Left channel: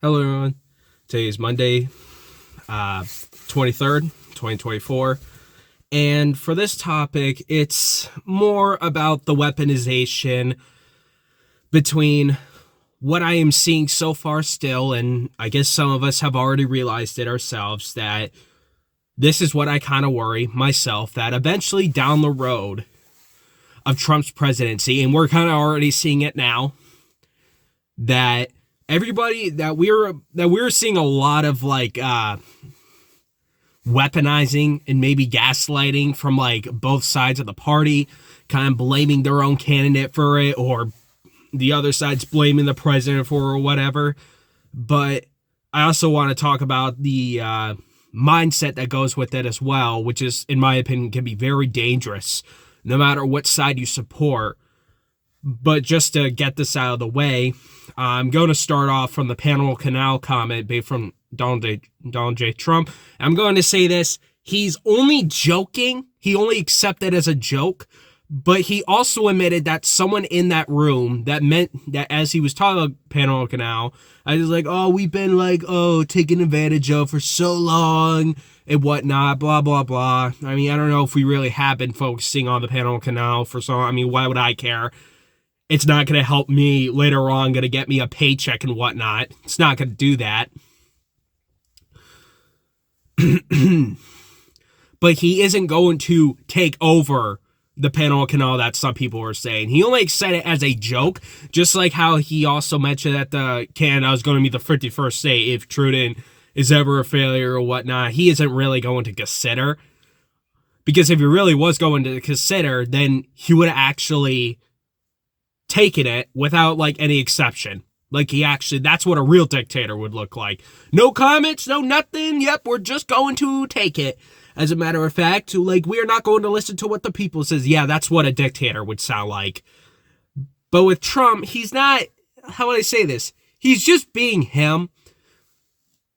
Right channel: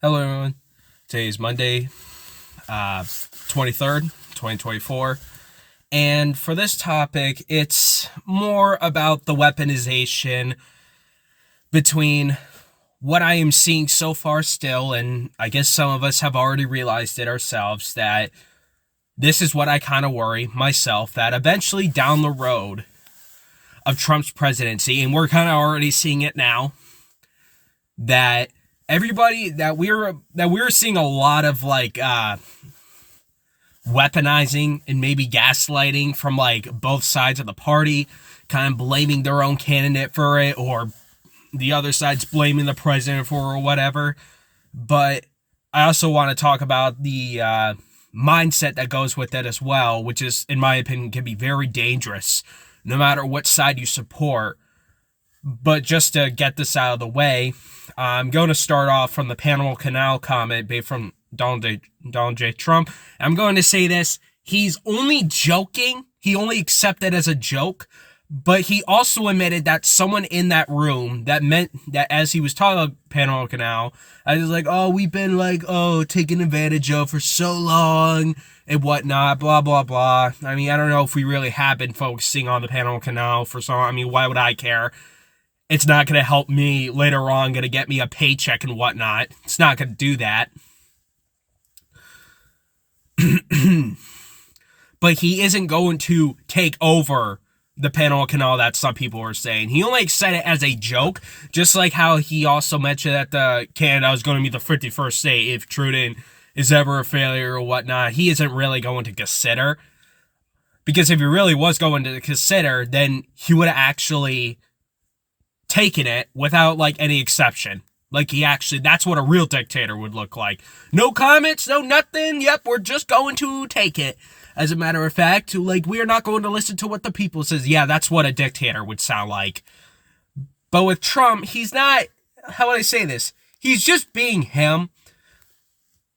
Hello, everyone. Today is Monday, 23rd, 2024. And for this topic, it's more about the weaponization between what I am seeing so far still, and I guess some of us have already realized it ourselves, that this is what I kind of worry myself, that eventually down the road of Trump's presidency, and we're kind of already seeing it now, that everybody that we're seeing a lot of weaponizing and maybe gaslighting from like both sides of the party, kind of blaming their own candidate for it, or the other side's blaming the president for it or whatever. But I also want to talk about the mindset that goes with it as well, which is, in my opinion, can be very dangerous no matter what side you support. But just to get this out of the way, I'm going to start off from the Panama Canal comment made from Donald J. Trump. I'm going to say this. He's only joking. He only accepted it as a joke. But he also admitted that someone in that room, that meant that as he was talking about Panama Canal, I was like, oh, we've been taken advantage of for so long and whatnot, blah, blah, blah. I mean, I don't know if we really have been focusing on the Panama Canal for so long. I mean, why would I care? It's not going to help me later on, going to get me a paycheck and whatnot. It's not going to do that. But he isn't going to take over the Panama Canal that some people were saying. He only said it as a joke, just like how he also mentioned that Canada is going to be the 51st state if Trudeau is ever a failure or whatnot. He isn't really going to consider. Because if he really was going to consider, then he would have actually taken it without any exception. That's what a real dictator would look like. No comments, no nothing. Yep, we're just going to take it. As a matter of fact, we are not going to listen to what the people says. Yeah, that's what a dictator would sound like. But with Trump, he's not, how would I say this? He's just being him.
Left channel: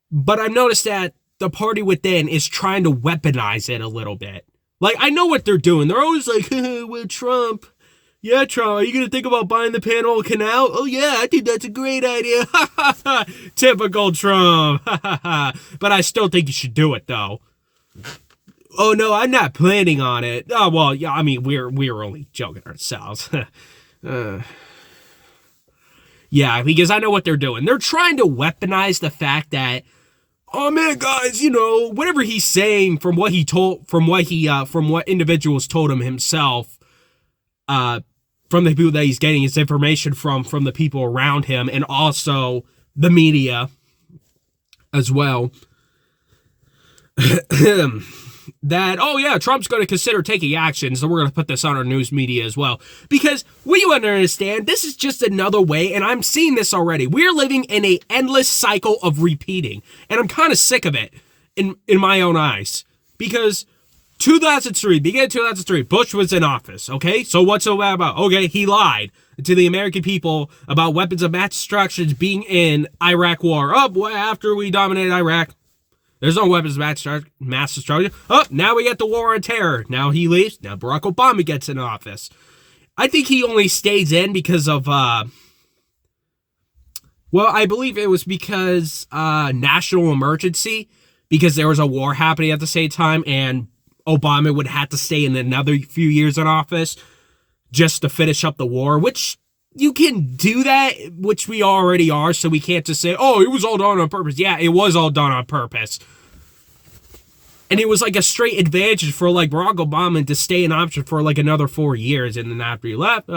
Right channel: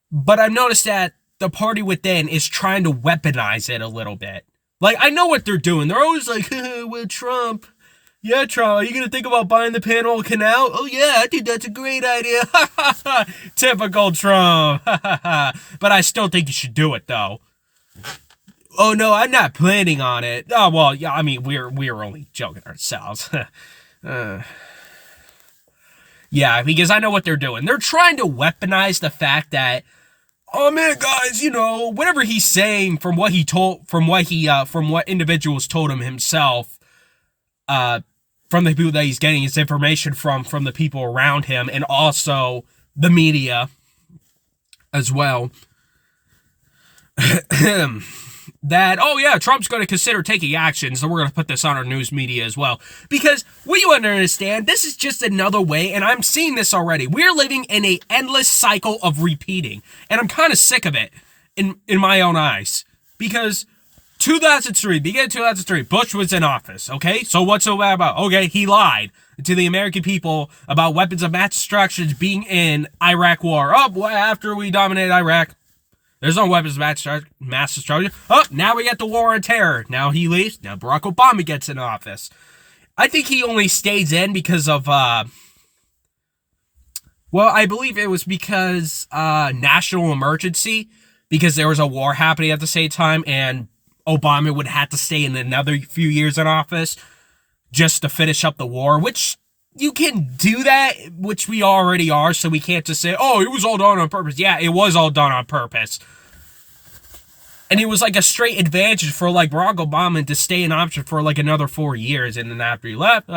But I've noticed that the party within is trying to weaponize it a little bit. I know what they're doing. They're always like, well, Trump. Yeah, Trump, are you going to think about buying the Panama Canal? Oh, yeah, I think that's a great idea. Typical Trump. But I still think you should do it, though. Oh, no, I'm not planning on it. Oh, well, yeah, I mean, we're only joking ourselves. Yeah, because I know what they're doing. They're trying to weaponize the fact that, oh, man, guys, whatever he's saying from what individuals told him himself, from the people that he's getting his information from the people around him, and also the media as well. That, oh yeah, Trump's going to consider taking action, so we're going to put this on our news media as well. Because what you understand, this is just another way, and I'm seeing this already. We're living in an endless cycle of repeating, and I'm kind of sick of it in my own eyes. Because 2003, beginning of 2003, Bush was in office, okay? So what's so bad about? Okay, he lied to the American people about weapons of mass destruction being in Iraq war. Oh, boy, after we dominated Iraq, there's no weapons of mass destruction. Oh, now we get the war on terror. Now he leaves. Now Barack Obama gets in office. I think he only stays in because of, I believe it was because national emergency, because there was a war happening at the same time, and Obama would have to stay in another few years in office just to finish up the war, which you can do that, which we already are, so we can't just say, oh, it was all done on purpose. Yeah, it was all done on purpose. And it was a straight advantage for Barack Obama to stay in office for another 4 years, and then after he left,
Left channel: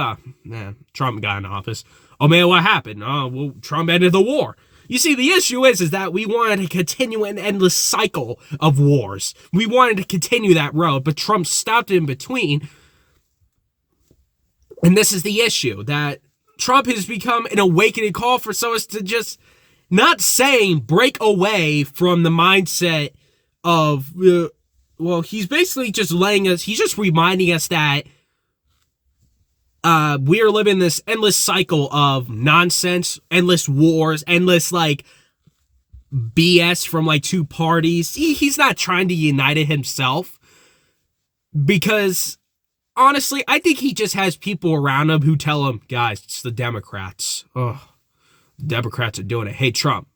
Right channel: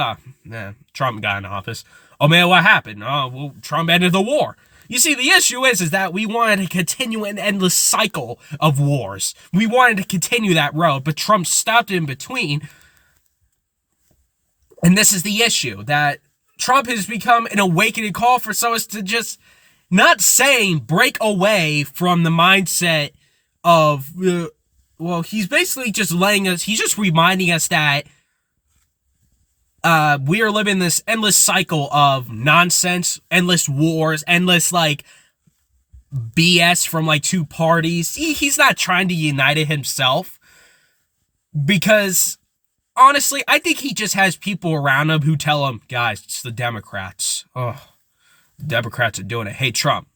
Trump got in office. Oh man, what happened? Oh, well, Trump ended the war. You see, the issue is that we wanted to continue an endless cycle of wars. We wanted to continue that road, but Trump stopped in between. And this is the issue, that Trump has become an awakening call for us to just, not saying break away from the mindset of, he's basically just he's just reminding us that we are living this endless cycle of nonsense, endless wars, endless BS from two parties. He's not trying to unite it himself, because honestly, I think he just has people around him who tell him, guys, it's the Democrats. Oh, the Democrats are doing it. Hey, Trump,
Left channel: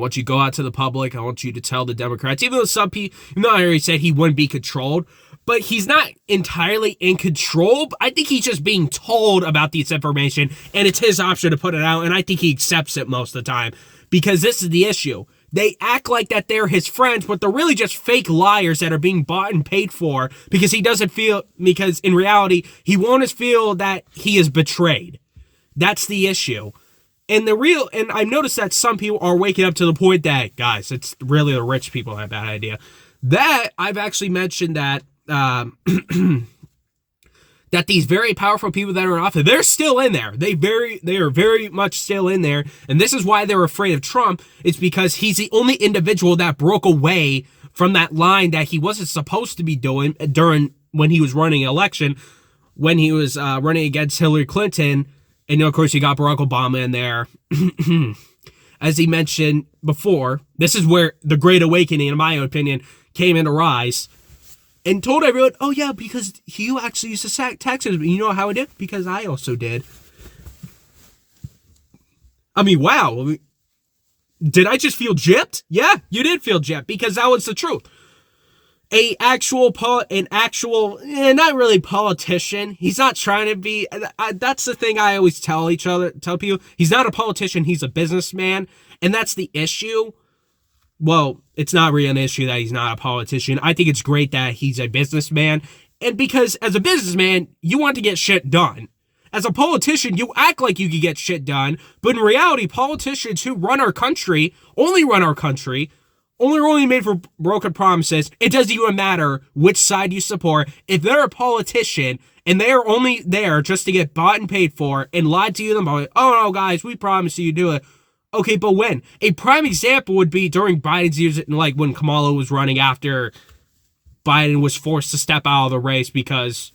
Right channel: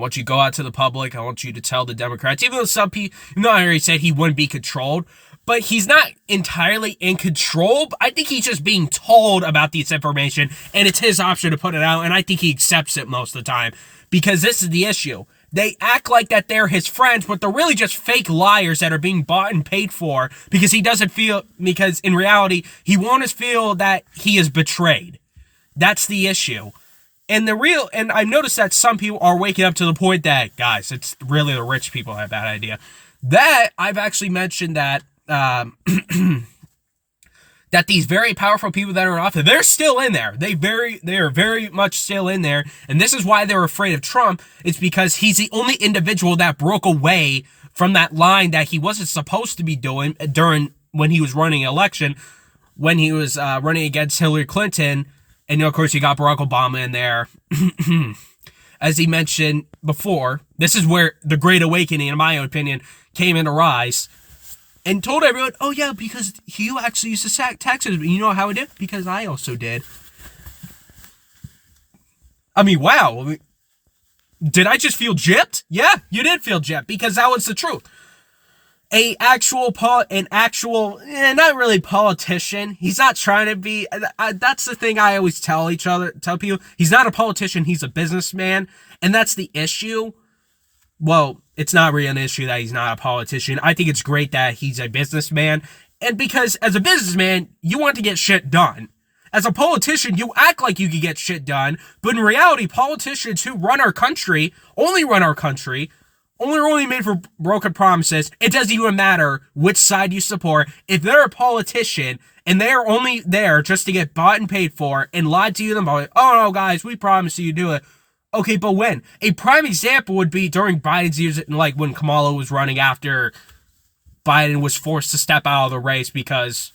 I want you to go out to the public. I want you to tell the Democrats, even though some people, even though I already said he wouldn't be controlled, but he's not entirely in control. I think he's just being told about this information, and it's his option to put it out, and I think he accepts it most of the time, because this is the issue. They act like that they're his friends, but they're really just fake liars that are being bought and paid for, because he doesn't feel, because in reality, he won't feel that he is betrayed. That's the issue. And I've noticed that some people are waking up to the point that, guys, it's really the rich people that have that idea. That I've actually mentioned that that these very powerful people that are in office, they're still in there. They are very much still in there. And this is why they're afraid of Trump. It's because he's the only individual that broke away from that line that he wasn't supposed to be doing during when he was running an election, when he was running against Hillary Clinton. And of course, you got Barack Obama in there. As he mentioned before, this is where the Great Awakening, in my opinion, came into rise. And told everyone, oh yeah, because you actually used to taxes. You know how I did? Because I also did. I mean, wow. Did I just feel gypped? Yeah, you did feel gypped, because that was the truth. Not really politician. He's not trying to be. That's the thing I always tell people. He's not a politician. He's a businessman, and that's the issue. Well, it's not really an issue that he's not a politician. I think it's great that he's a businessman. And because as a businessman, you want to get shit done. As a politician, you act like you can get shit done. But in reality, politicians who run our country, only made for broken promises. It doesn't even matter which side you support. If they're a politician and they're only there just to get bought and paid for and lied to you about, oh no, guys, we promise you do it. Okay, but when? A prime example would be during Biden's years, like when Kamala was running after Biden was forced to step out of the race because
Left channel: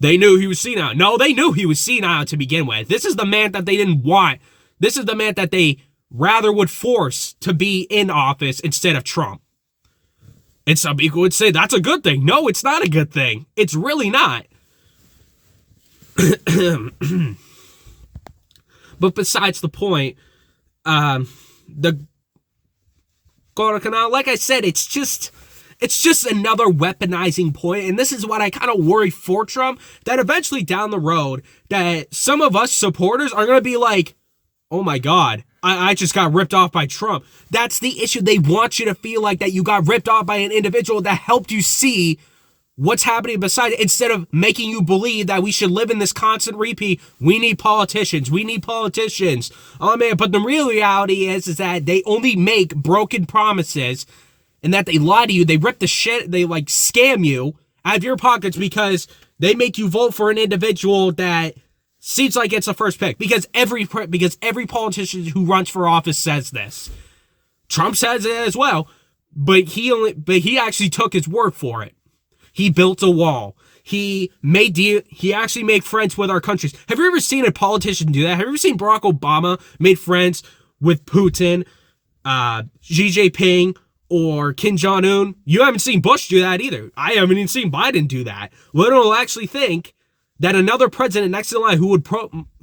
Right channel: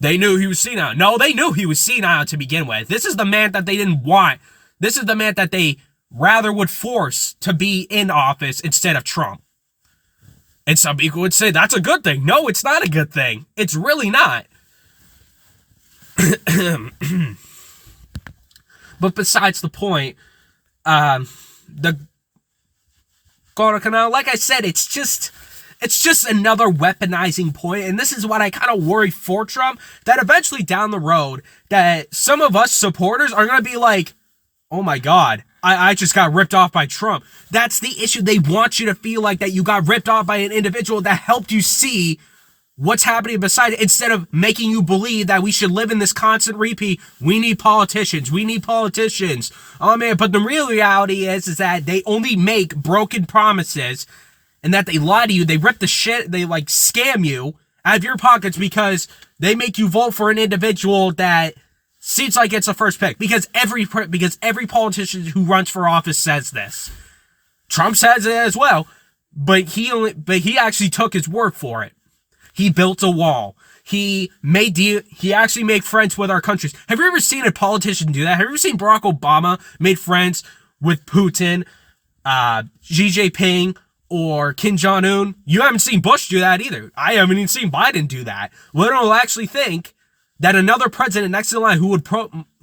they knew he was senile. No, they knew he was senile to begin with. This is the man that they didn't want. This is the man that they rather would force to be in office instead of Trump. And some people would say that's a good thing. No, it's not a good thing. It's really not. But besides the point, the Guadalcanal, like I said, it's just another weaponizing point, and this is what I kind of worry for Trump, that eventually down the road, that some of us supporters are going to be like, oh my God, I just got ripped off by Trump. That's the issue. They want you to feel like that you got ripped off by an individual that helped you see what's happening beside it, instead of making you believe that we should live in this constant repeat. We need politicians. We need politicians. Oh man, but the real reality is that they only make broken promises, and that they lie to you. They rip the shit. They like scam you out of your pockets because they make you vote for an individual that seems like it's a first pick. Because every politician who runs for office says this. Trump says it as well, but he actually took his word for it. He built a wall. He actually made friends with our countries. Have you ever seen a politician do that? Have you ever seen Barack Obama made friends with Putin, Xi Jinping, or Kim Jong-un? You haven't seen Bush do that either. I haven't even seen Biden do that. Little will actually think that another president next in line who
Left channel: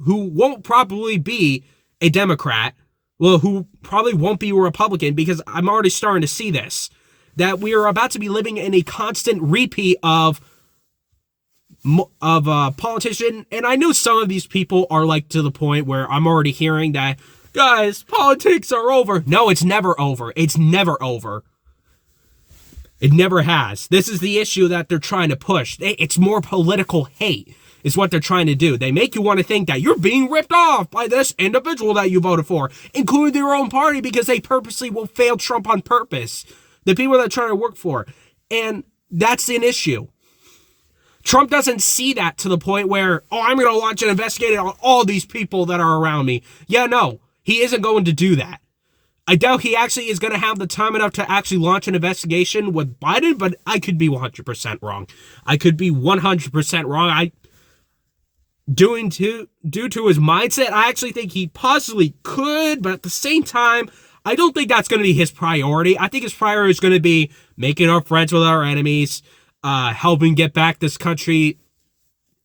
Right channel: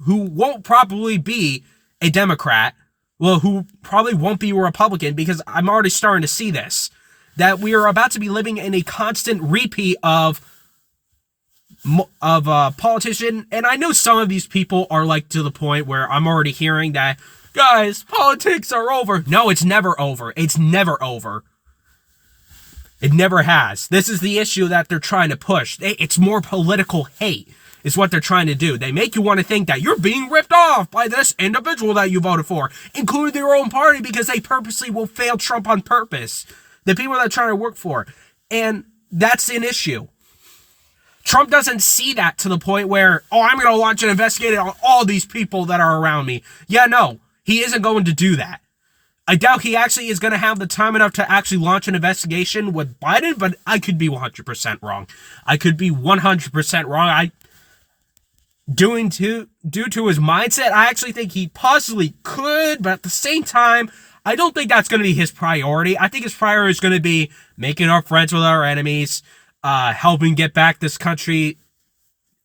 won't probably be a Democrat, well, who probably won't be a Republican, because I'm already starting to see this, that we are about to be living in a constant repeat of politician. And I know some of these people are like to the point where I'm already hearing that, guys, politics are over. No, it's never over. It's never over. It never has. This is the issue that they're trying to push. It's more political hate is what they're trying to do. They make you want to think that you're being ripped off by this individual that you voted for, including their own party, because they purposely will fail Trump on purpose. The people that are trying to work for. And that's an issue. Trump doesn't see that to the point where, oh, I'm going to launch an investigation on all these people that are around me. Yeah, no, he isn't going to do that. I doubt he actually is going to have the time enough to actually launch an investigation with Biden, but I could be 100% wrong. I could be 100% wrong. Due to his mindset, I actually think he possibly could, but at the same time, I don't think that's going to be his priority. I think his priority is going to be making our friends with our enemies, helping get back this country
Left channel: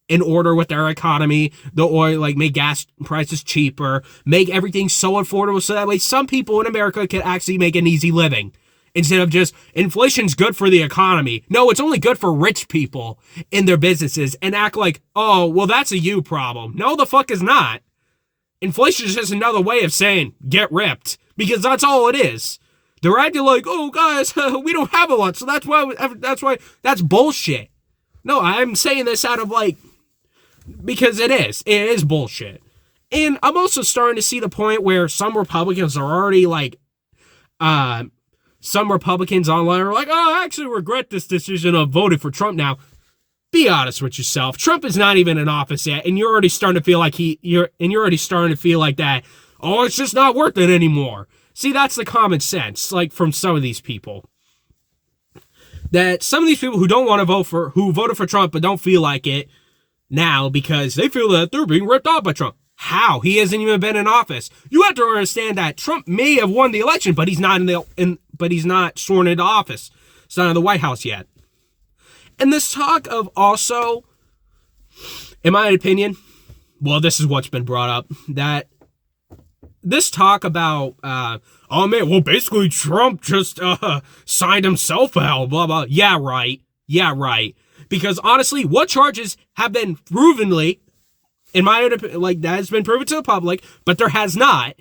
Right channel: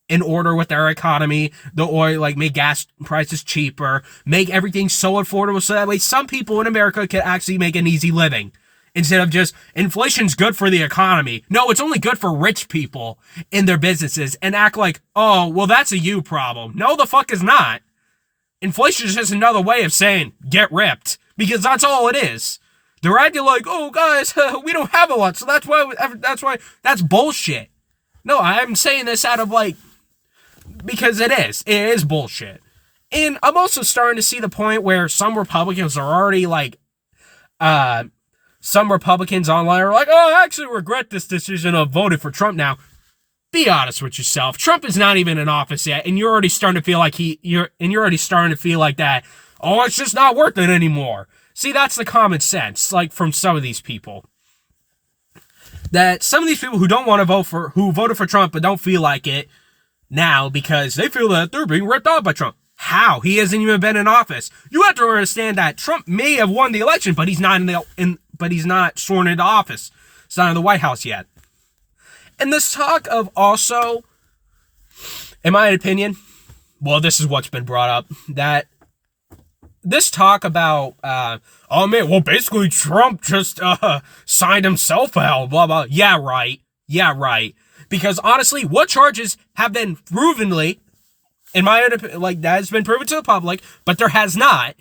in order with their economy, the oil, like make gas prices cheaper, make everything so affordable so that way some people in America can actually make an easy living. Instead of just, inflation's good for the economy. No, it's only good for rich people in their businesses and act like, oh, well, that's a you problem. No, the fuck is not. Inflation is just another way of saying, get ripped. Because that's all it is. They're acting like, oh, guys, we don't have a lot, so that's bullshit. No, I'm saying this out of like, because it is bullshit. And I'm also starting to see the point where some Republicans are already like, some Republicans online are like, oh, I actually regret this decision of voting for Trump now. Be honest with yourself. Trump is not even in office yet, and you're already starting to feel like you're already starting to feel like that. Oh, it's just not worth it anymore. See, that's the common sense, like from some of these people. That some of these people who don't want to who voted for Trump but don't feel like it now because they feel that they're being ripped off by Trump. How? He hasn't even been in office. You have to understand that Trump may have won the election, but he's not but he's not sworn into office. He's not in the White House yet. And this talk of also, in my opinion, well, this is what's been brought up, that this talk about, oh man, well, basically Trump just signed himself out, blah, blah. Yeah, right. Because honestly, what charges have been provenly, in my opinion, like that has been proven to the public, but there has not,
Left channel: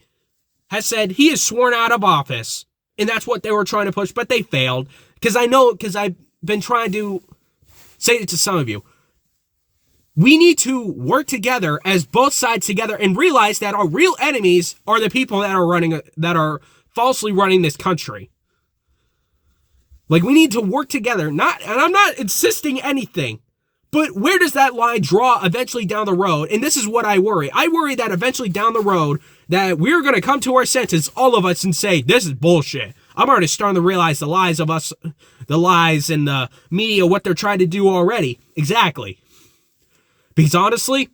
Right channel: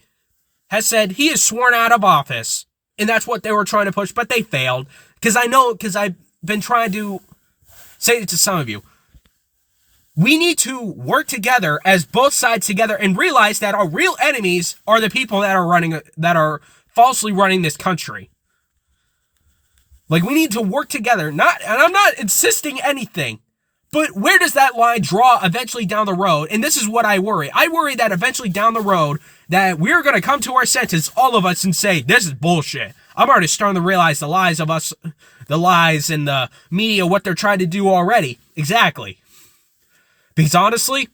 has said he is sworn out of office. And that's what they were trying to push, but they failed. Because I've been trying to say it to some of you. We need to work together as both sides together and realize that our real enemies are the people that are falsely running this country. Like, we need to work together. And I'm not insisting anything, but where does that line draw eventually down the road? And this is what I worry. I worry that eventually down the road that we're going to come to our senses, all of us, and say, this is bullshit. I'm already starting to realize the lies in the media, what they're trying to do already. Exactly. Because honestly,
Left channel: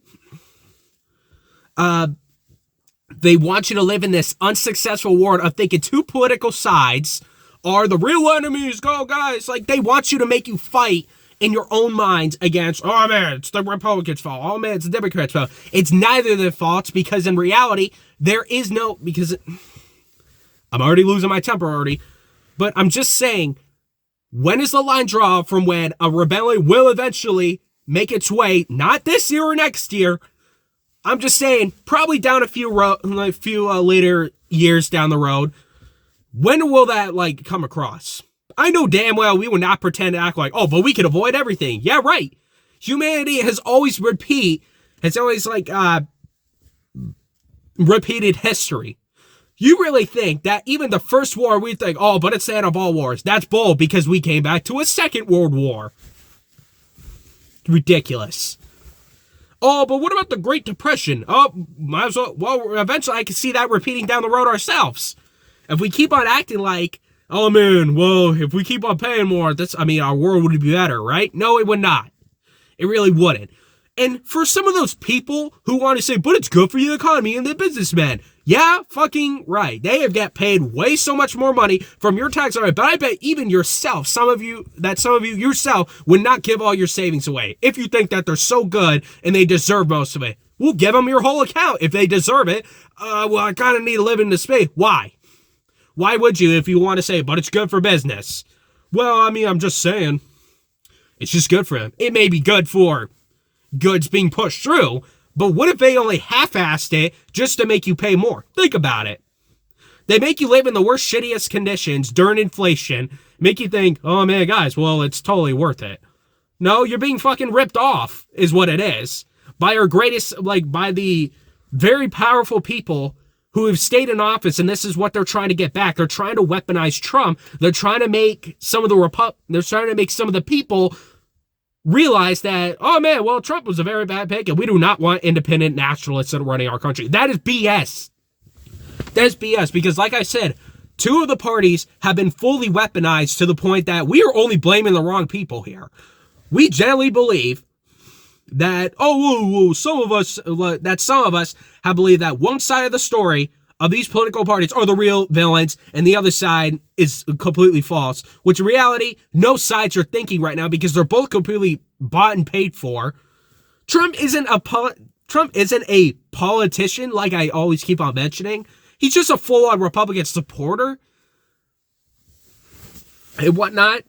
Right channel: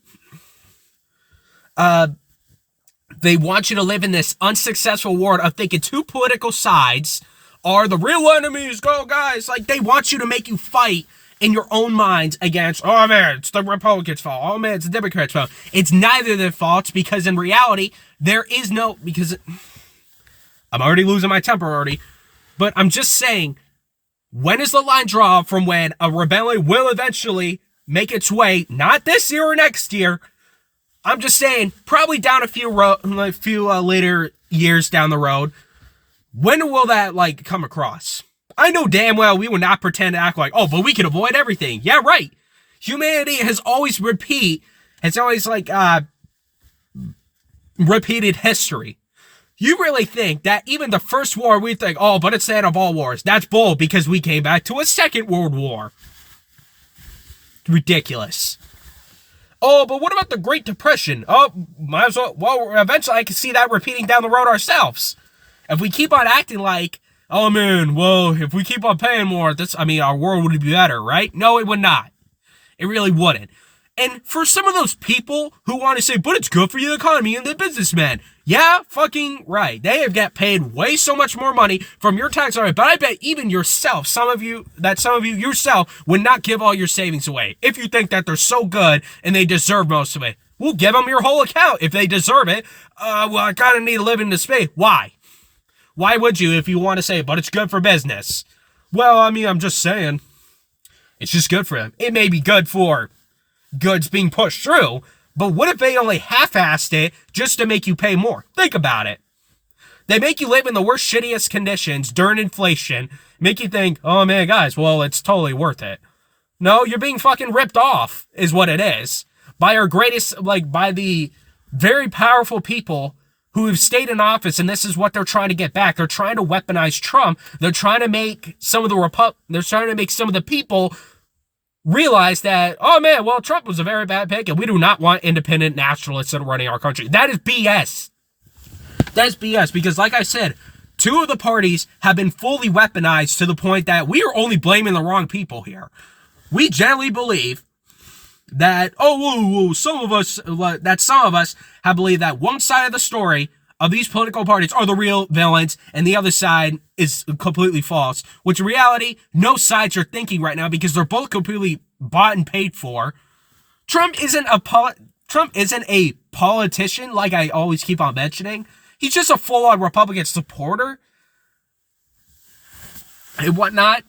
they want you to live in this unsuccessful world of thinking two political sides are the real enemies. Go, guys. Like, they want you to make you fight in your own minds against, oh man, it's the Republicans' fault. Oh man, it's the Democrats' fault. It's neither of their faults, because in reality, there is no, because I'm already losing my temper already, but I'm just saying, when is the line drawn from when a rebellion will eventually make its way, not this year or next year? I'm just saying, probably down a few later years down the road. When will that, like, come across? I know damn well we would not pretend to act like, oh, but we can avoid everything. Yeah, right. Humanity has always repeated history. You really think that even the first war, we think, oh, but it's the end of all wars. That's bull, because we came back to a second world war. Ridiculous. Oh, but what about the Great Depression? Oh, might as well, eventually I can see that repeating down the road ourselves. If we keep on acting like, oh man, well, if we keep on paying more, our world would be better, right? No, it would not. It really wouldn't. And for some of those people who want to say, but it's good for the economy and the businessmen, yeah, fucking right. They have got paid way so much more money from your tax dollars, but I bet even yourself, some of you yourself would not give all your savings away if you think that they're so good and they deserve most of it. We'll give them your whole account if they deserve it. Well, I kind of need to live in this space. Why? Why would you if you want to say, but it's good for business? Well, I'm just saying. It's just good for them. It may be good for goods being pushed through, but what if they only half-assed it just to make you pay more? Think about it. They make you live in the worst, shittiest conditions during inflation, make you think, oh man, guys, well, it's totally worth it. No, you're being fucking ripped off, is what it is. By the very powerful people who have stayed in office, and this is what they're trying to get back. They're trying to weaponize Trump. They're trying to make some of the people realize that, oh man, well, Trump was a very bad pick, and we do not want independent nationalists running our country. That is BS. That is BS, because like I said, two of the parties have been fully weaponized to the point that we are only blaming the wrong people here. We generally believe that, some of us have believed that one side of the story of these political parties are the real villains and the other side is completely false, which in reality, no sides are thinking right now because they're both completely bought and paid for Trump isn't a politician like I always keep on mentioning. He's just a full-on Republican supporter and whatnot.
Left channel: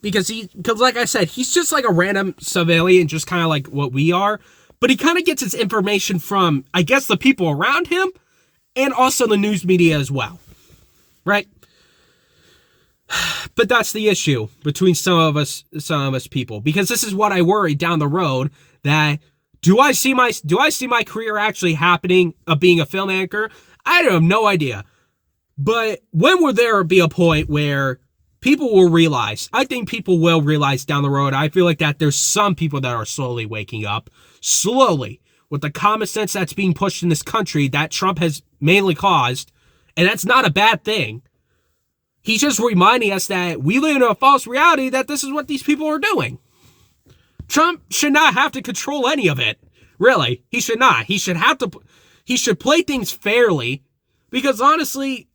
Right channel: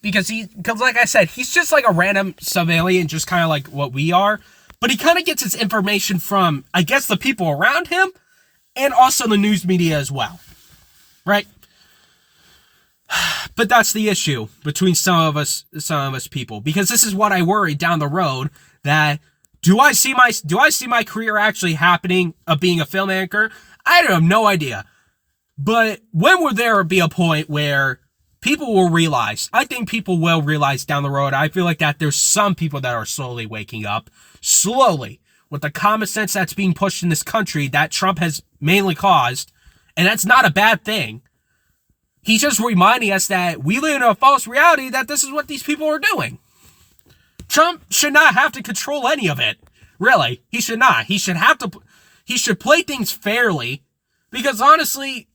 Because like I said, he's just like a random civilian, just kind of like what we are. But he kind of gets his information from, I guess, the people around him and also the news media as well. Right? But that's the issue between some of us people. Because this is what I worry down the road, that do I see my career actually happening of being a film anchor? I have no idea. But when will there be a point where people will realize, I think people will realize down the road, I feel like that there's some people that are slowly waking up, slowly, with the common sense that's being pushed in this country that Trump has mainly caused, and that's not a bad thing. He's just reminding us that we live in a false reality that this is what these people are doing. Trump should not have to control any of it. Really, he should not. He should play things fairly, because honestly,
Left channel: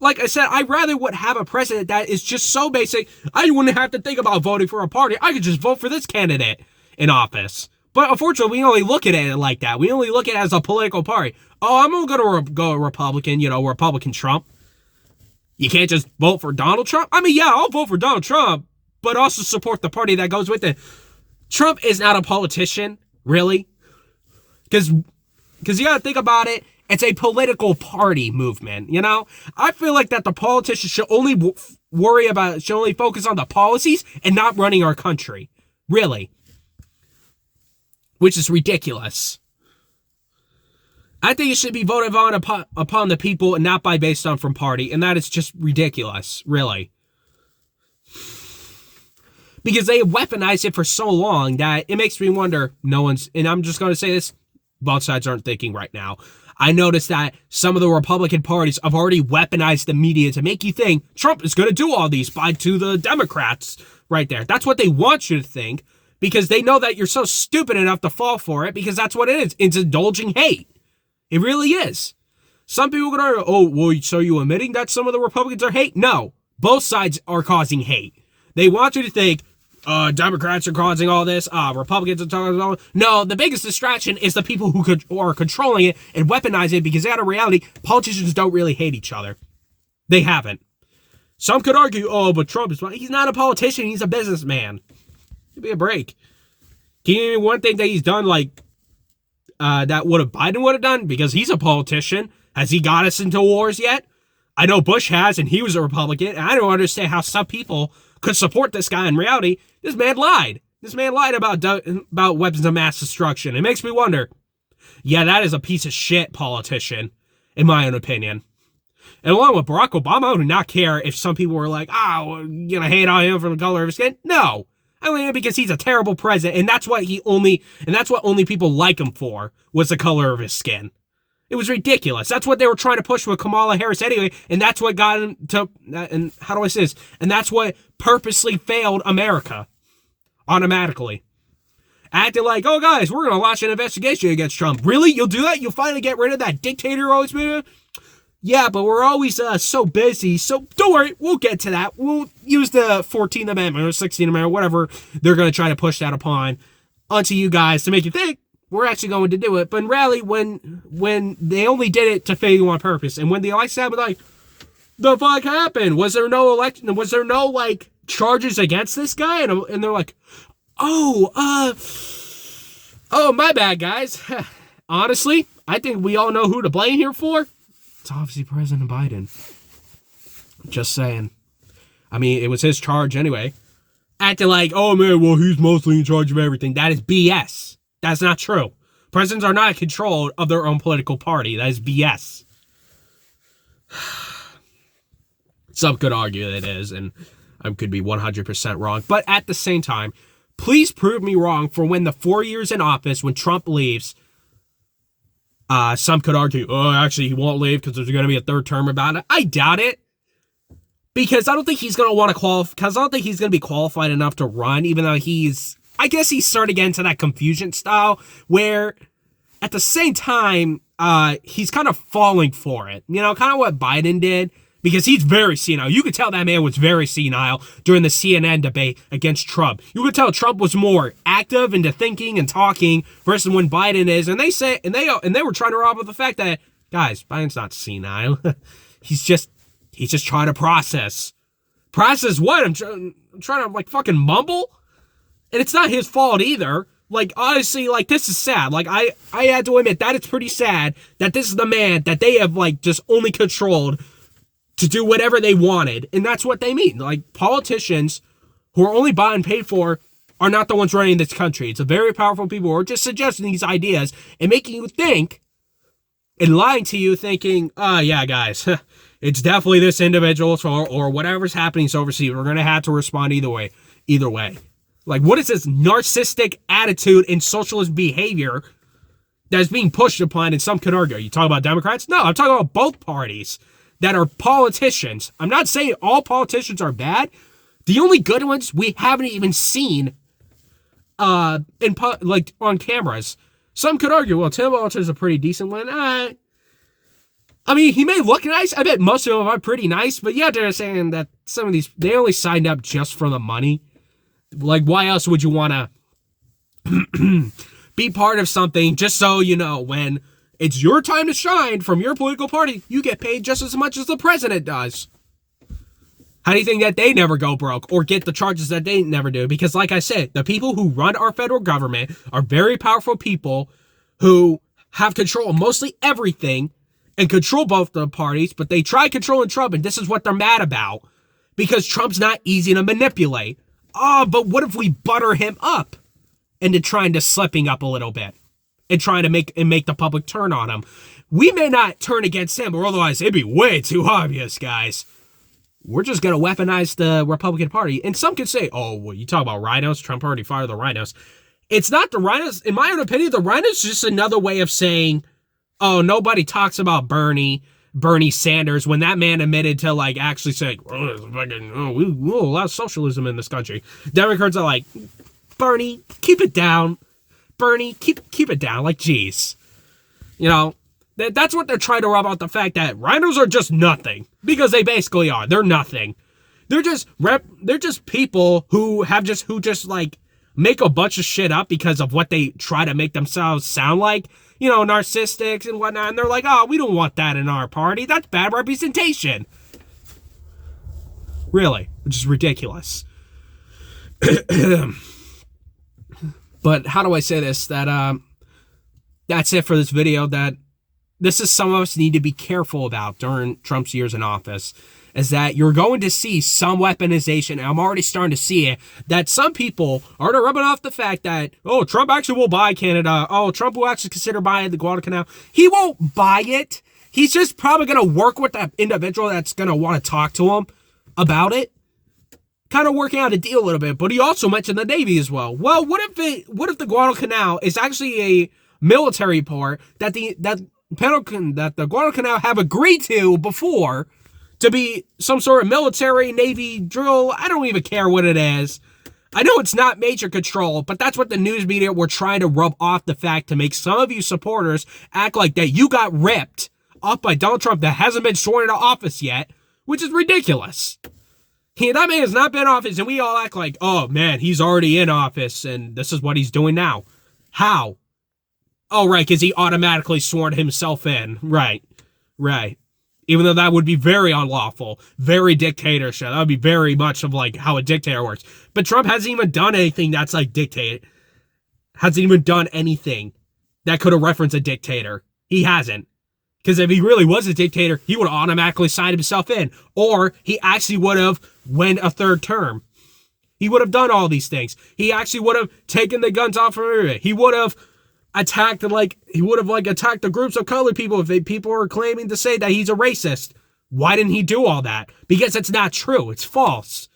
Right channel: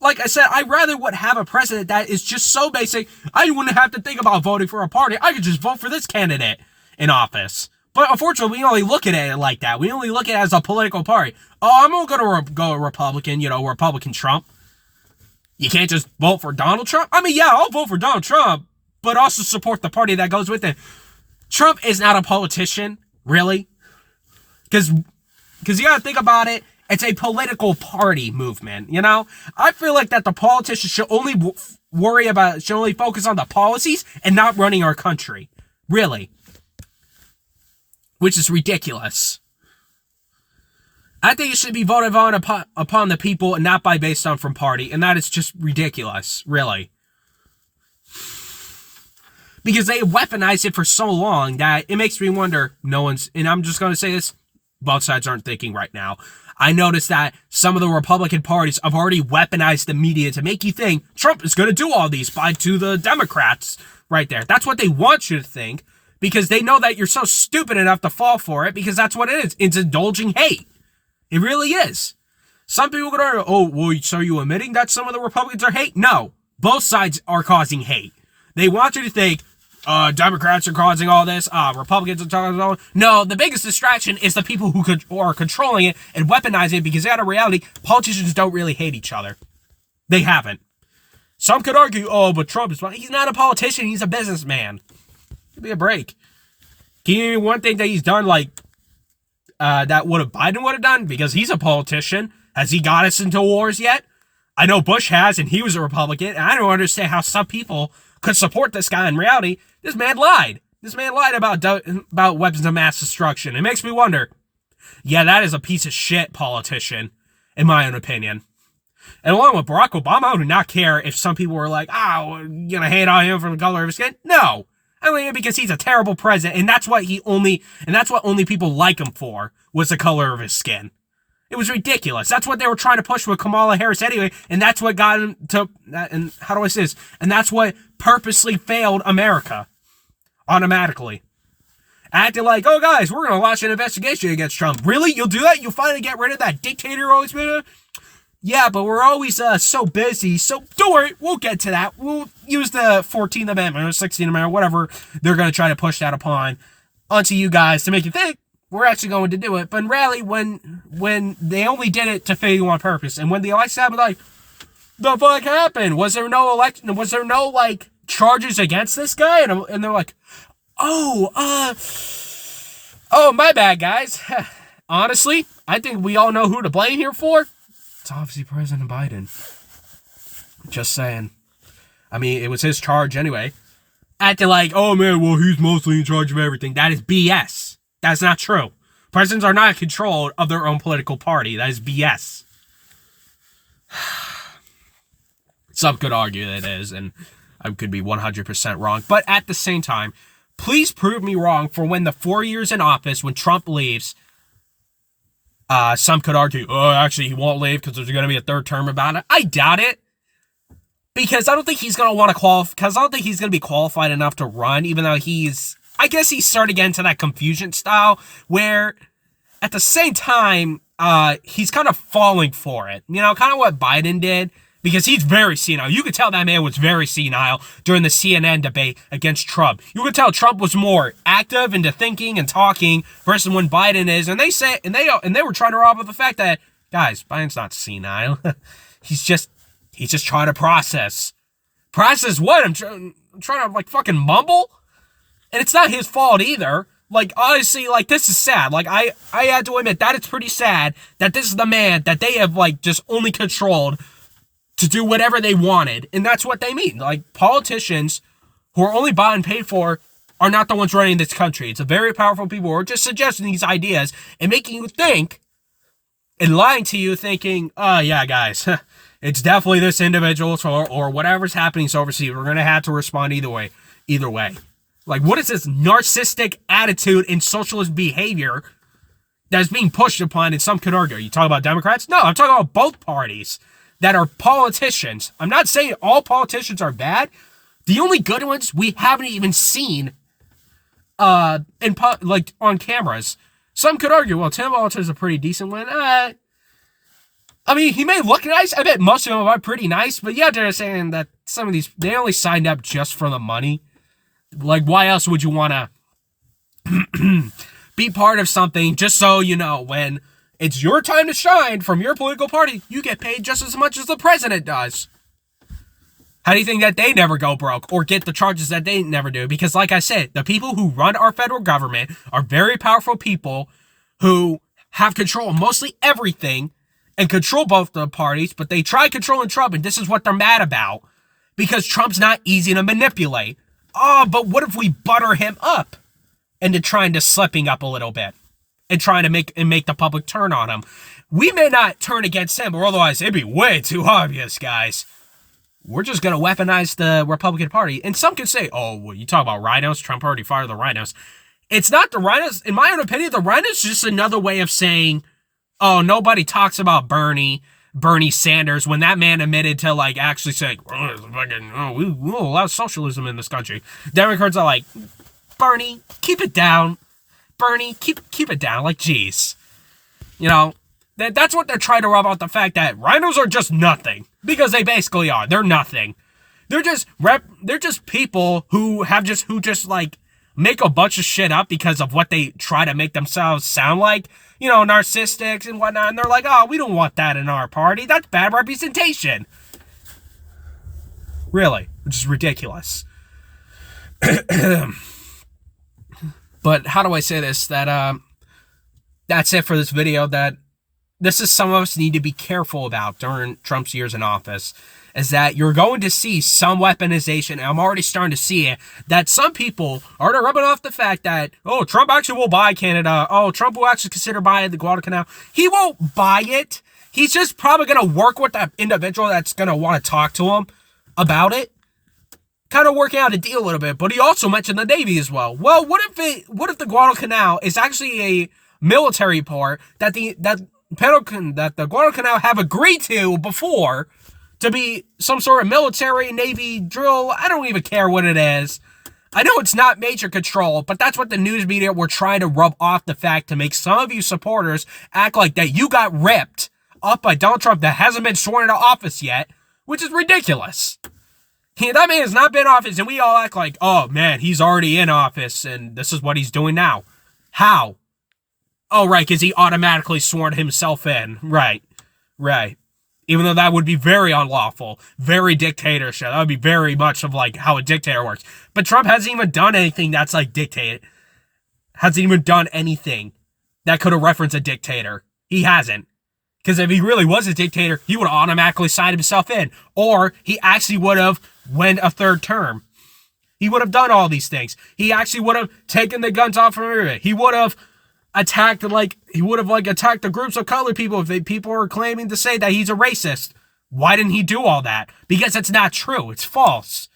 like I said, I'd rather would have a president that is just so basic, I wouldn't have to think about voting for a party. I could just vote for this candidate in office. But unfortunately, we only look at it like that. We only look at it as a political party. Oh, I'm going to go Republican, Republican Trump. You can't just vote for Donald Trump? I mean, yeah, I'll vote for Donald Trump, but also support the party that goes with it. Trump is not a politician, really. Because you got to think about it. It's a political party movement, I feel like that the politicians should only should only focus on the policies and not running our country. Really. Which is ridiculous. I think it should be voted on upon the people and not based on from party, and that is just ridiculous, really. Because they have weaponized it for so long that it makes me wonder, and I'm just going to say this, both sides aren't thinking right now. I noticed that some of the Republican parties have already weaponized the media to make you think Trump is going to do all these to the Democrats right there. That's what they want you to think, because they know that you're so stupid enough to fall for it, because that's what it is. It's indulging hate. It really is. Some people could argue, oh, well, so are you admitting that some of the Republicans are hate? No. Both sides are causing hate. They want you to think, Democrats are causing all this, Republicans are causing all this. No, the biggest distraction is the people who are controlling it and weaponizing it, because out of reality, politicians don't really hate each other. They haven't. Some could argue, oh, but Trump is... He's not a politician, he's a businessman. Give me a break. Can you name one thing that he's done, that Biden would have done? Because he's a politician. Has he got us into wars yet? I know Bush has, and he was a Republican, and I don't understand how some people could support this guy. In reality, this man lied. This man lied about weapons of mass destruction. It makes me wonder. Yeah, that is a piece of shit politician, in my own opinion. And along with Barack Obama, I do not care if some people were like, hate on him for the color of his skin. No. I mean, because he's a terrible president, and that's what only people like him for, was the color of his skin. It was ridiculous. That's what they were trying to push with Kamala Harris anyway, and that's what got him to, and how do I say this? And that's what purposely failed America. Automatically. Acting like, oh guys, we're going to launch an investigation against Trump. Really? You'll do that? You'll finally get rid of that dictator who always been? Yeah, but we're always so busy, so don't worry, we'll get to that. We'll use the 14th Amendment or 16th Amendment, whatever they're going to try to push that onto you guys to make you think we're actually going to do it. But in reality, when they only did it to fail you on purpose, and when the election happened, like, the fuck happened? Was there no election? Was there no, charges against this guy? And they're like, oh, my bad, guys. Honestly, I think we all know who to blame here for. It's obviously President Biden. Just saying. I mean, it was his charge anyway. Acting like, oh man, well, he's mostly in charge of everything. That is BS. That's not true. Presidents are not in control of their own political party. That is BS. Some could argue that it is, and I could be 100% wrong. But at the same time, please prove me wrong for when the 4 years in office, when Trump leaves, some could argue, oh, actually, he won't leave because there's going to be a third term about it. I doubt it. Because I don't think he's going to want to qualify, because I don't think he's going to be qualified enough to run, even though I guess he's starting to get into that confusion style, where at the same time, he's kind of falling for it. Kind of what Biden did. because he's very senile. You could tell that man was very senile during the CNN debate against Trump. You could tell Trump was more active into thinking and talking versus when Biden is. And they were trying to rob of the fact that, guys, Biden's not senile. he's just trying to process. Process what? I'm trying to like fucking mumble, and it's not his fault either. Like, honestly, like, this is sad. Like, I had to admit that it's pretty sad that this is the man that they have, like, just only controlled to do whatever they wanted. And that's what they mean. Like, politicians who are only bought and paid for are not the ones running this country. It's a very powerful people who are just suggesting these ideas and making you think and lying to you thinking, oh, yeah, guys, it's definitely this individual or whatever's happening overseas. We're going to have to respond either way. Like, what is this narcissistic attitude and socialist behavior that is being pushed upon? And some could argue, are you talking about Democrats? No, I'm talking about both parties that are politicians. I'm not saying all politicians are bad. The only good ones we haven't even seen like on cameras. Some could argue, well, Tim Walter's a pretty decent one. I mean, he may look nice. I bet most of them are pretty nice. But yeah, they're saying that some of these, they only signed up just for the money. Like, why else would you want to be part of something just so, you know, when it's your time to shine from your political party, you get paid just as much as the president does? How do you think that they never go broke or get the charges that they never do? Because like I said, the people who run our federal government are very powerful people who have control of mostly everything and control both the parties, but they try controlling Trump, and this is what they're mad about because Trump's not easy to manipulate. Oh, but what if we butter him up into trying to slipping up a little bit and trying to make the public turn on him? We may not turn against him, or otherwise it'd be way too obvious, guys. We're just going to weaponize the Republican Party. And some could say, oh, well, you talk about rhinos? Trump already fired the rhinos. It's not the rhinos. In my own opinion, the rhinos is just another way of saying, oh, nobody talks about Bernie Sanders when that man admitted to, like, actually saying, we allow socialism in this country. Democrats are like, Bernie, keep it down. Bernie, keep it down. Like, geez. You know, that's what they're trying to rub out, the fact that rhinos are just nothing. Because they basically are. They're nothing. They're just people who just like make a bunch of shit up because of what they try to make themselves sound like. You know, narcissists and whatnot. And they're like, oh, we don't want that in our party. That's bad representation. Really. Which is ridiculous. But how do I say this? That that's it for this video. That this is some of us need to be careful about during Trump's years in office, is that you're going to see some weaponization, and I'm already starting to see it, that some people are rubbing off the fact that, oh, Trump actually will buy Canada. Oh, Trump will actually consider buying the Guadalcanal. He won't buy it. He's just probably going to work with that individual that's going to want to talk to him about it. Kind of working out a deal a little bit, but he also mentioned the Navy as well. Well, what if the Guadalcanal is actually a military port that the Guadalcanal have agreed to before to be some sort of military Navy drill? I don't even care what it is. I know it's not major control, but that's what the news media were trying to rub off the fact to make some of you supporters act like that you got ripped up by Donald Trump that hasn't been sworn into office yet, which is ridiculous. That man has not been in office, and we all act like, oh man, he's already in office, and this is what he's doing now. How? Oh, right, because he automatically sworn himself in. Right. Even though that would be very unlawful, very dictatorship. That would be very much of like how a dictator works. But Trump hasn't even done anything that's like dictated. Hasn't even done anything that could have referenced a dictator. He hasn't. Because if he really was a dictator, he would have automatically signed himself in. Or he actually would have won a third term. He would have done all these things. He actually would have taken the guns off from everybody. He would have attacked the groups of colored people if people were claiming to say that he's a racist. Why didn't he do all that? Because it's not true. It's false.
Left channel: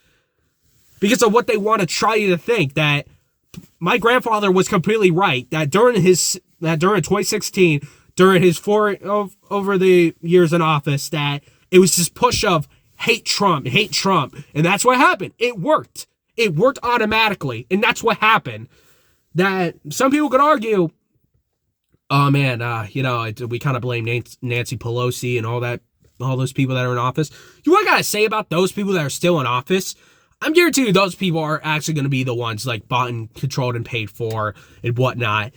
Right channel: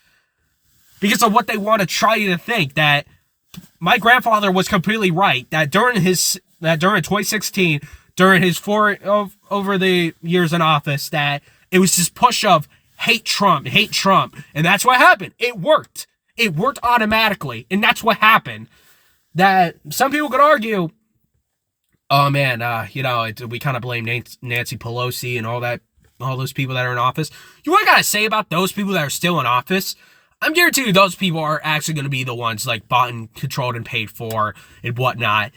Because of what they want to try you to think, that my grandfather was completely right, that during 2016, during his over the years in office, that it was this push of hate Trump, and that's what happened. It worked. It worked automatically, and that's what happened. That some people could argue, oh man, we kind of blame Nancy Pelosi and all that all those people that are in office. You know what I gotta say about those people that are still in office? I'm guaranteed you those people are actually going to be the ones like bought and controlled and paid for and whatnot.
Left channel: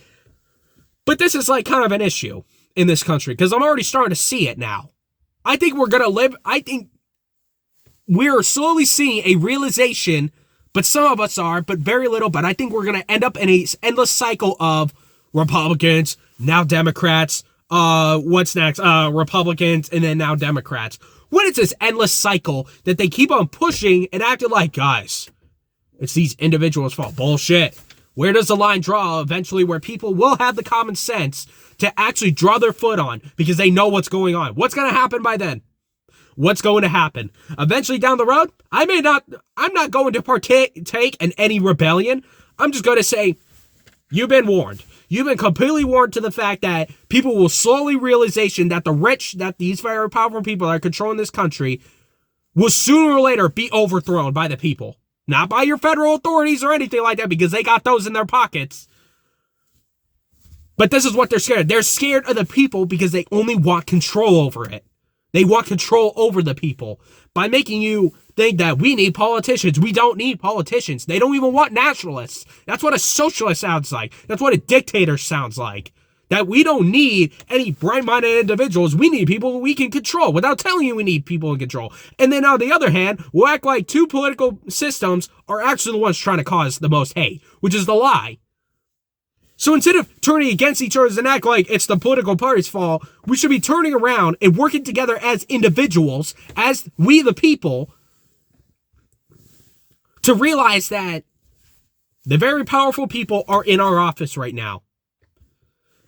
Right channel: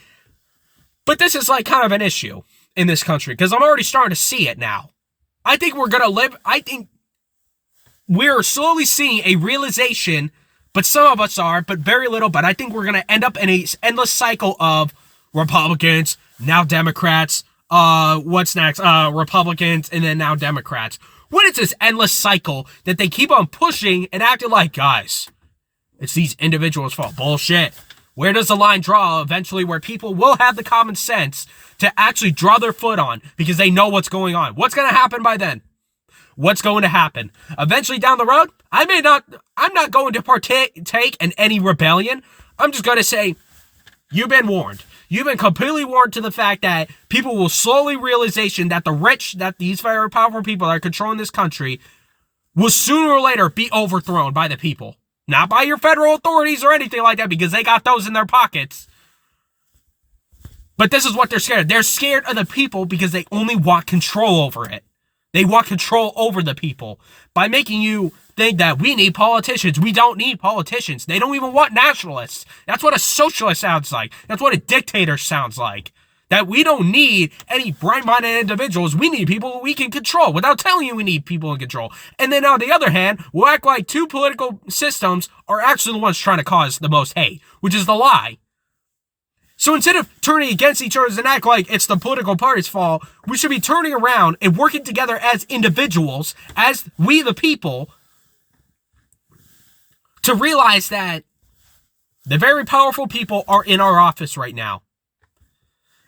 But this is like kind of an issue in this country because I'm already starting to see it now. I think we're slowly seeing a realization, but some of us are, but very little. But I think we're going to end up in a endless cycle of Republicans, now Democrats, what's next? Republicans, and then now Democrats. What is this endless cycle that they keep on pushing and acting like, guys, it's these individuals' fault? Bullshit. Where does the line draw eventually where people will have the common sense to actually draw their foot on because they know what's going on? What's going to happen by then? What's going to happen? Eventually down the road, I'm not going to partake in any rebellion. I'm just going to say, you've been warned. You've been completely warned to the fact that people will slowly realization that the rich, that these very powerful people that are controlling this country will sooner or later be overthrown by the people. Not by your federal authorities or anything like that because they got those in their pockets. But this is what they're scared of. They're scared of the people because they only want control over it. They want control over the people by making you think that we need politicians. We don't need politicians. They don't even want nationalists. That's what a socialist sounds like. That's what a dictator sounds like. That we don't need any bright-minded individuals. We need people we can control without telling you we need people in control. And then on the other hand, we'll act like two political systems are actually the ones trying to cause the most hate, which is the lie. So instead of turning against each other and act like it's the political party's fault, we should be turning around and working together as individuals, as we the people, to realize that the very powerful people are in our office right now.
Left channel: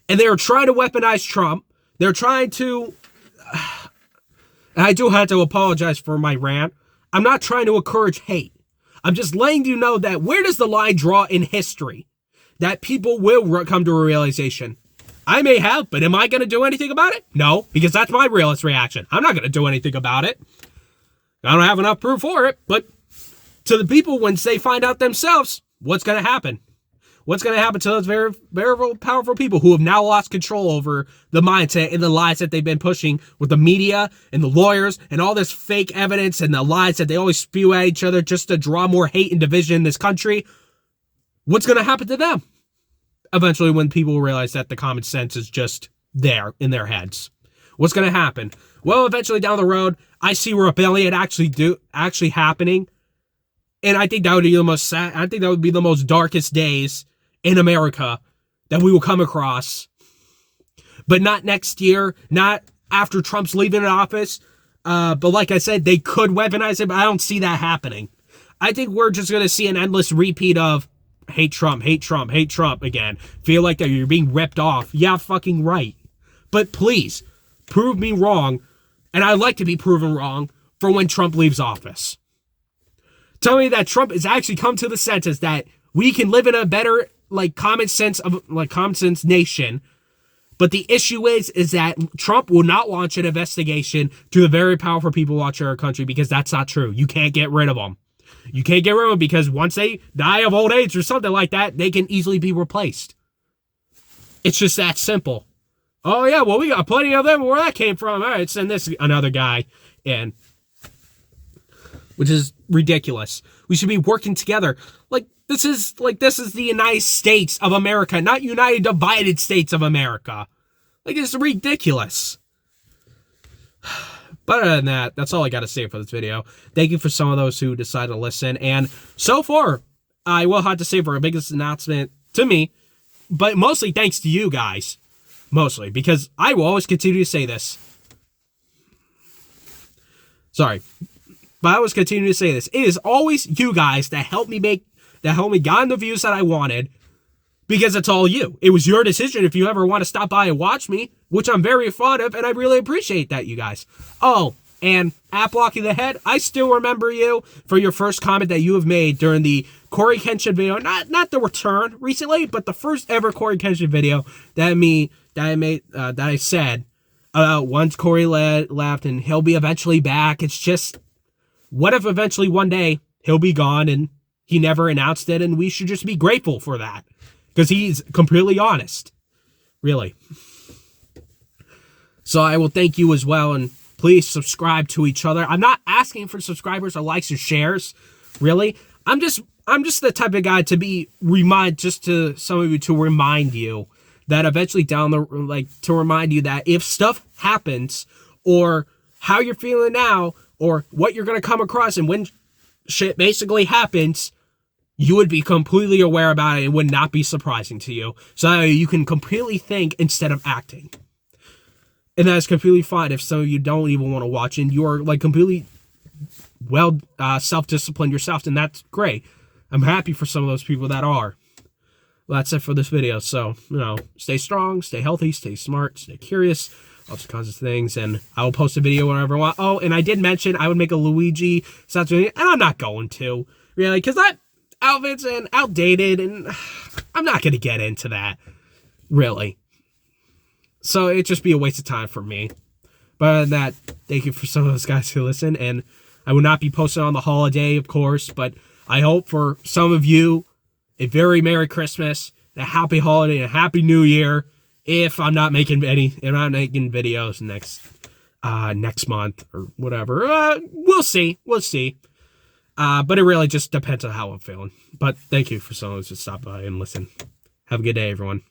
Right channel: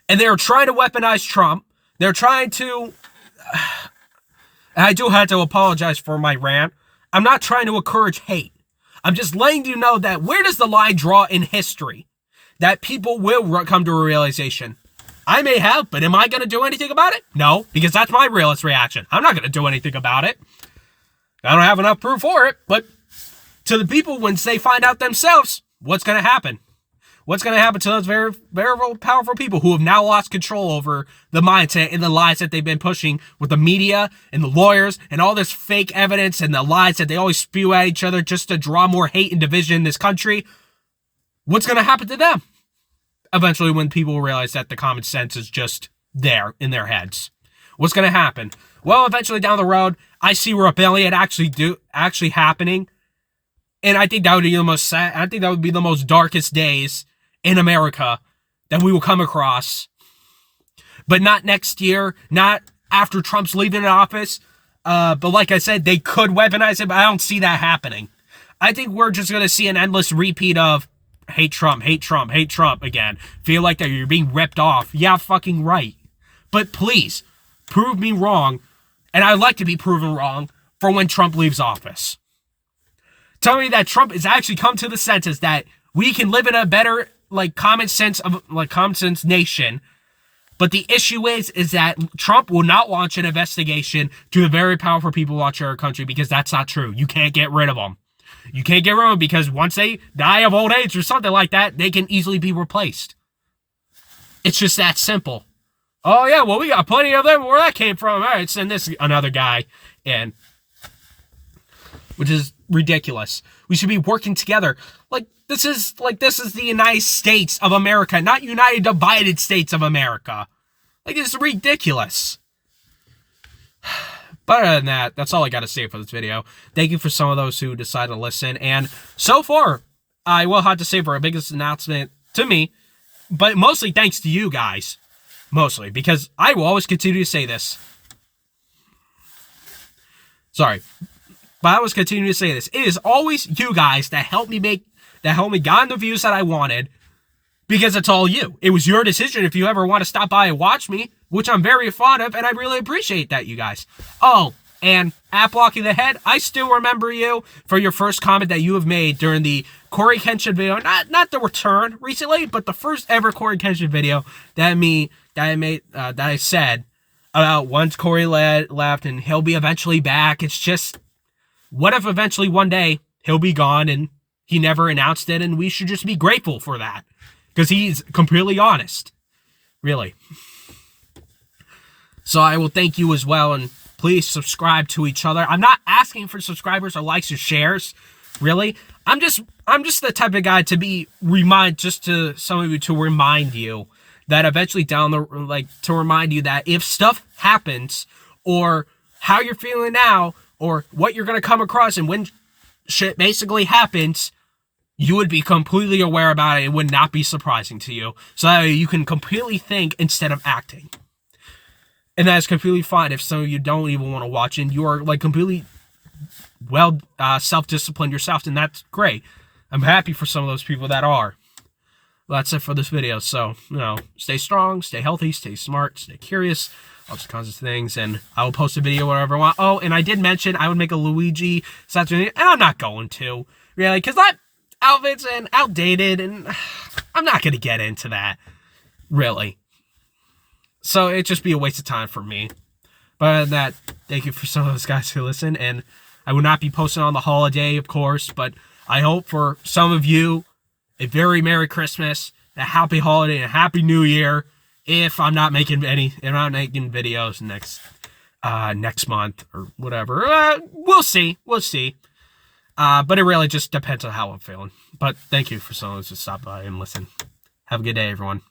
And they are trying to weaponize Trump. They're trying to... I do have to apologize for my rant. I'm not trying to encourage hate. I'm just letting you know that where does the line draw in history? That people will come to a realization. I may have, but am I going to do anything about it? No, because that's my realist reaction. I'm not going to do anything about it. I don't have enough proof for it, but to the people, once they find out themselves, what's going to happen? What's going to happen to those very, very powerful people who have now lost control over the mindset and the lies that they've been pushing with the media and the lawyers and all this fake evidence and the lies that they always spew at each other just to draw more hate and division in this country? What's going to happen to them? Eventually, when people realize that the common sense is just there in their heads. What's going to happen? Well, eventually down the road, I see rebellion actually happening. And I think that would be the most sad. I think that would be the most darkest days in America that we will come across. But not next year, not after Trump's leaving office. But like I said, they could weaponize it, but I don't see that happening. I think we're just going to see an endless repeat of hate Trump, hate Trump, hate Trump again. Feel like that you're being ripped off. Yeah, fucking right. But please, prove me wrong. And I'd like to be proven wrong for when Trump leaves office. Tell me that Trump has actually come to the senses that we can live in a better, common sense nation. But the issue is that Trump will not launch an investigation to the very powerful people watching our country because that's not true. You can't get rid of them. You can't get rid of them because once they die of old age or something like that, they can easily be replaced. It's just that simple. Oh, yeah, well, we got plenty of them. Where that came from? All right, send this another guy in. Which is ridiculous. We should be working together. This is the United States of America, not United Divided States of America. It's ridiculous. But other than that, that's all I got to say for this video. Thank you for some of those who decided to listen. And so far, I will have to say for our biggest announcement to me, but mostly thanks to you guys. Mostly, because I will always continue to say this. Sorry. But I always continue to say this. It is always you guys that help me get the views that I wanted. Because it's all you. It was your decision if you ever want to stop by and watch me, which I'm very fond of, and I really appreciate that, you guys. Oh, and at Blocking the Head, I still remember you for your first comment that you have made during the Corey Kenshin video. Not the return recently, but the first ever Corey Kenshin video that I said about once Corey left and he'll be eventually back. It's just, what if eventually one day he'll be gone and he never announced it, and we should just be grateful for that. Because he's completely honest. Really. So I will thank you as well. And Please subscribe to each other. I'm not asking for subscribers or likes or shares, really. I'm just the type of guy to be just to some of you, to remind you that eventually to remind you that if stuff happens, or how you're feeling now, or what you're going to come across, and when shit basically happens, you would be completely aware about it. It would not be surprising to you. So that way you can completely think instead of acting. And that's completely fine if some of you don't even want to watch and you are like completely self-disciplined yourself, and that's great. I'm happy for some of those people that are. Well, that's it for this video. So, stay strong, stay healthy, stay smart, stay curious, all those kinds of things. And I will post a video whenever I want. Oh, and I did mention I would make a Luigi statue, and I'm not going to, really, because that outfit's outdated, and I'm not going to get into that, really. So it'd just be a waste of time for me. But other than that, thank you for some of those guys who listen. And I will not be posting on the holiday, of course, but I hope for some of you a very Merry Christmas, a Happy Holiday, and a Happy New Year. If I'm not making videos next month or whatever, we'll see. But it really just depends on how I'm feeling. But thank you for some of those to stop by and listen. Have a good day, everyone.